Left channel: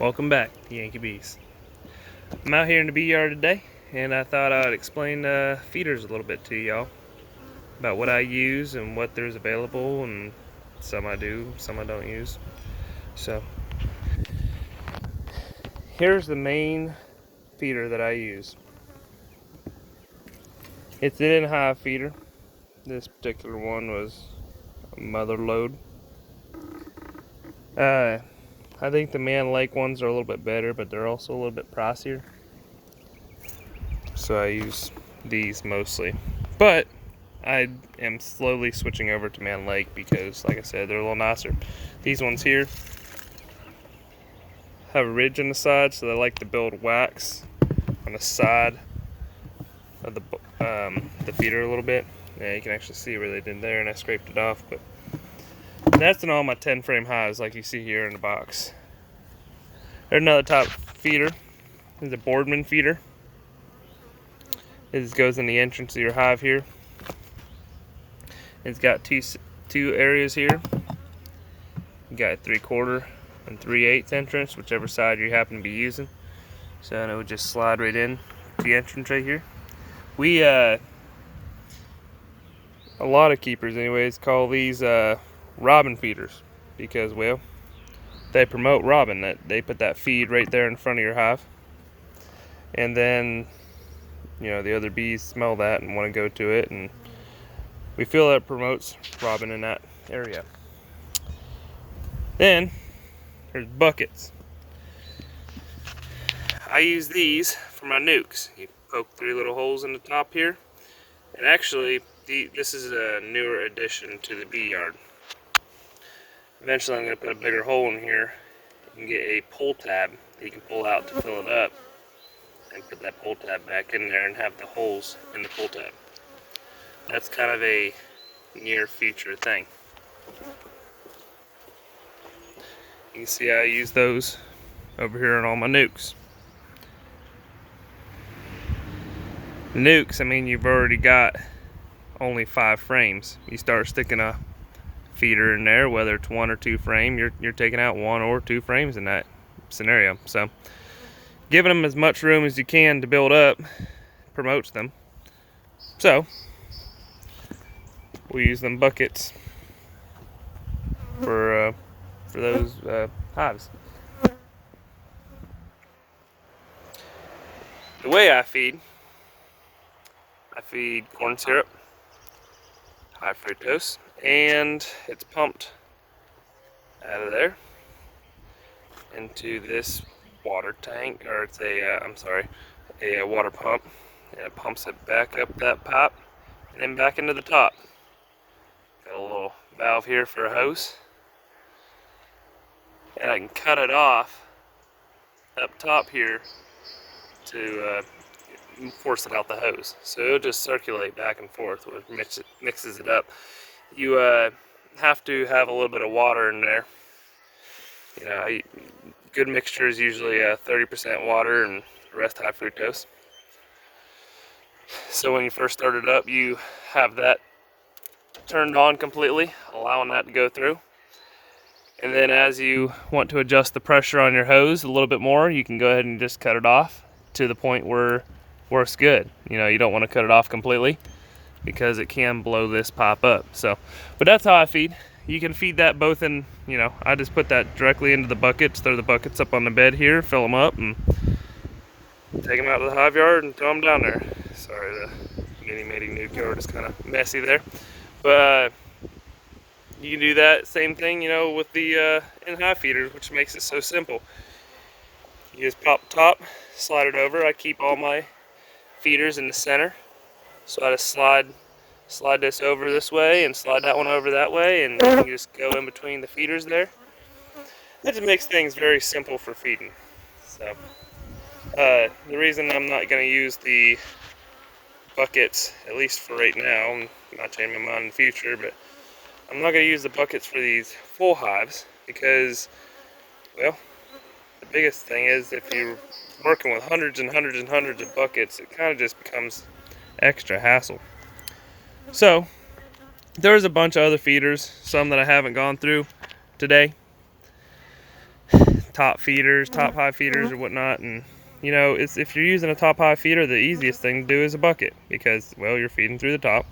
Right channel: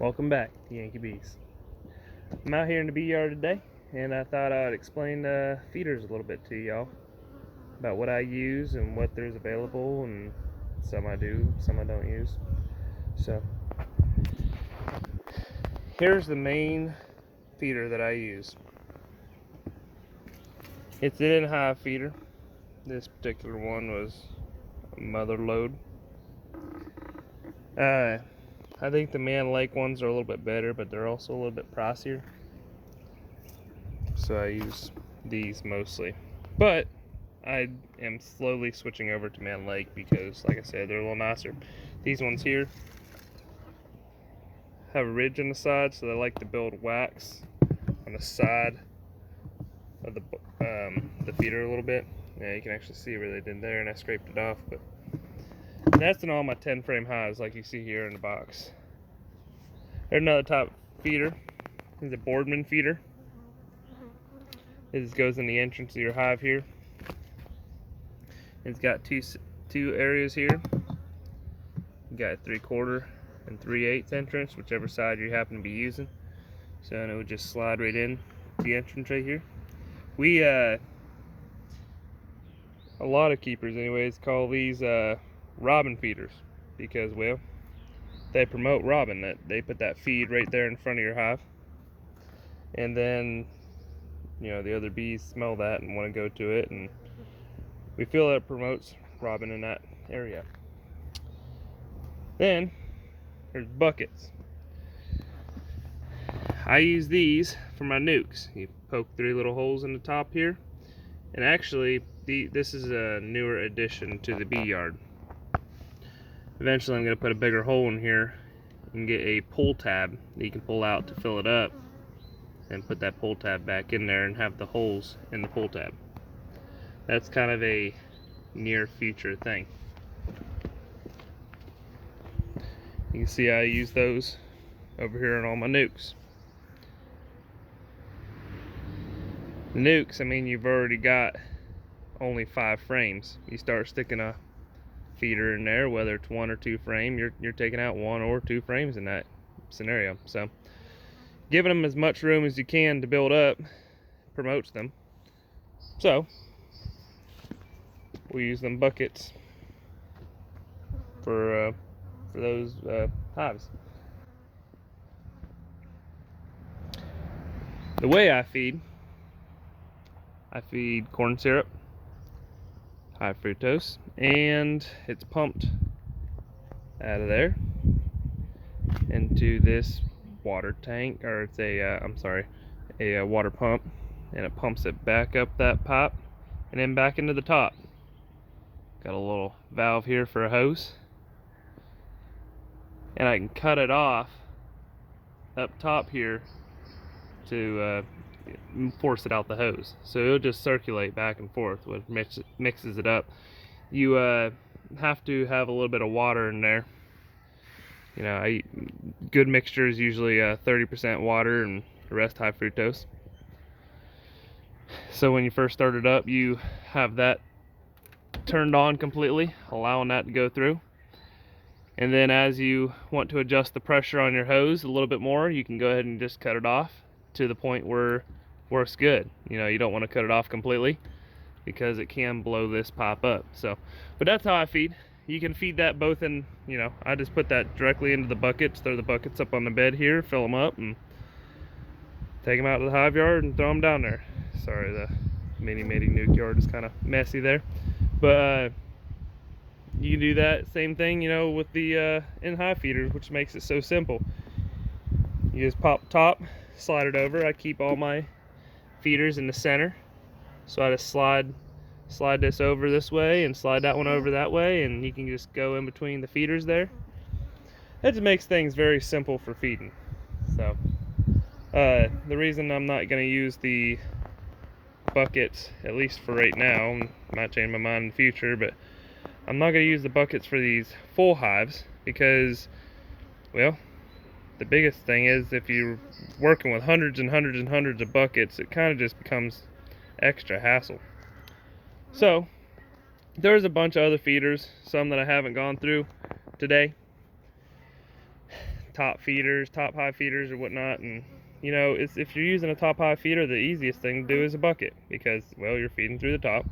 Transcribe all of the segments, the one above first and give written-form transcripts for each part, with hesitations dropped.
Welcome back to Yankee Bees. I'm out here in the bee yard today, and I thought I'd explain feeders a little bit to y'all about what I use and what there's available, and some I do, some I don't use. So here's the main feeder that I use. It's an in-hive feeder. This particular one was a mother load. I think the man lake ones are a little bit better, but they're also a little bit pricier. So I use these mostly. But I am slowly switching over to man lake because, like I said, they're a little nicer. These ones here have a ridge on the side, so they like to build wax on the side of the feeder a little bit. Yeah, you can actually see where they did there, and I scraped it off. But that's in all my 10 frame hives, like you see here in the box. There's another top feeder. This is a Boardman feeder. This goes in the entrance of your hive here. It's got two areas here. You got a 3/4 and 3/8 entrance, whichever side you happen to be using. So it would just slide right in the entrance right here. We a lot of keepers anyways call these robin feeders because, well, they promote robin. That they put that feed right there in front of your hive, and then the other bees smell that and want to go to it, and we feel that it promotes robin in that area. Then there's buckets. I use these for my nooks. You poke 3 little holes in the top here, and actually this is a newer addition to the bee yard. Eventually I'm going to put a bigger hole in here and get a pull tab that you can pull out to fill it up, and put that pull tab back in there and have the holes in the pull tab. That's kind of a near future thing. You can see I use those over here on all my nooks. The nooks, I mean, you've already got only 5 frames. You start sticking a feeder in there, whether it's 1 or 2 frame, you're taking out 1 or 2 frames in that scenario. So giving them as much room as you can to build up promotes them. So we use them buckets for those hives. The way I feed corn syrup, high fructose, and it's pumped out of there into this water tank, or it's a water pump, and it pumps it back up that pipe and then back into the top. Got a little valve here for a hose, and I can cut it off up top here to force it out the hose. So it'll just circulate back and forth, which mixes it up. You have to have a little bit of water in there. Good mixture is usually 30% water and the rest high fructose. So when you first start it up, you have that turned on completely, allowing that to go through. And then as you want to adjust the pressure on your hose a little bit more, you can go ahead and just cut it off to the point where it's good. You don't want to cut it off completely because it can blow this pipe up. So, but that's how I feed. You can feed that both in, I just put that directly into the buckets, throw the buckets up on the bed here, fill them up, and take them out to the hive yard and throw them down there. Sorry, the mini mating nuke yard is kind of messy there. But you can do that same thing, with the in-hive feeders, which makes it so simple. You just pop top, slide it over. I keep all my feeders in the center, so I just slide this over this way and slide that one over that way, and you can just go in between the feeders there. That just makes things very simple for feeding. So the reason I'm not going to use the buckets, at least for right now, I might change my mind in the future, but I'm not going to use the buckets for these full hives because, well, the biggest thing is if you're working with hundreds and hundreds and hundreds of buckets, it kind of just becomes extra hassle. So there's a bunch of other feeders, some that I haven't gone through today. top feeders, top high feeders or whatnot. And you know, if you're using a top high feeder, the easiest thing to do is a bucket, because, well, you're feeding through the top.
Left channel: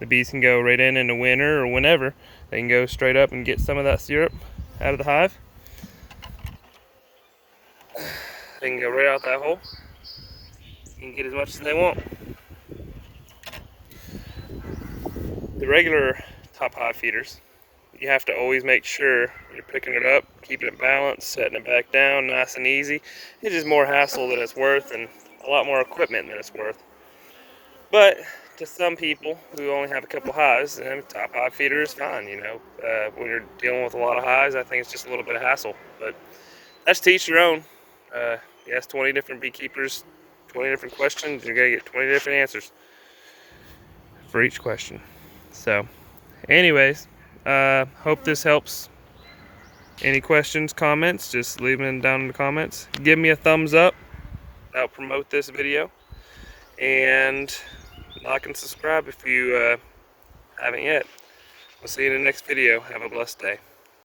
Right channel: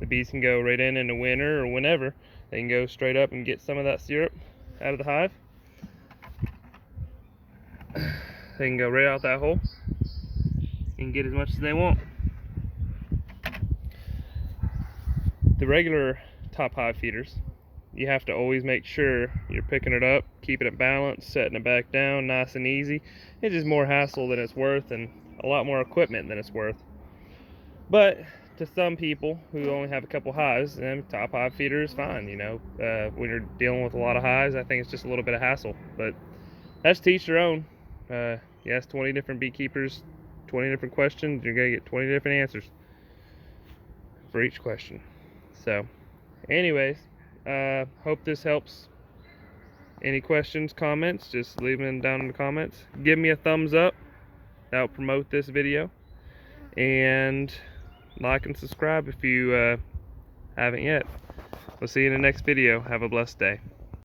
The bees can go right in the winter or whenever. They can go straight up and get some of that syrup out of the hive. They can go right out that hole and get as much as they want. The regular top hive feeders, you have to always make sure you're picking it up, keeping it balanced, setting it back down nice and easy. It's just more hassle than it's worth, and a lot more equipment than it's worth. But to some people who only have a couple hives, top hive feeder is fine. You know, when you're dealing with a lot of hives, I think it's just a little bit of hassle. But that's to each their own. You ask 20 different beekeepers 20 different questions, you're gonna get 20 different answers for each question. So anyways, hope this helps. Any questions, comments, just leave them down in the comments. Give me a thumbs up, that'll promote this video, and like and subscribe if you haven't yet. We'll see you in the next video. Have a blessed day.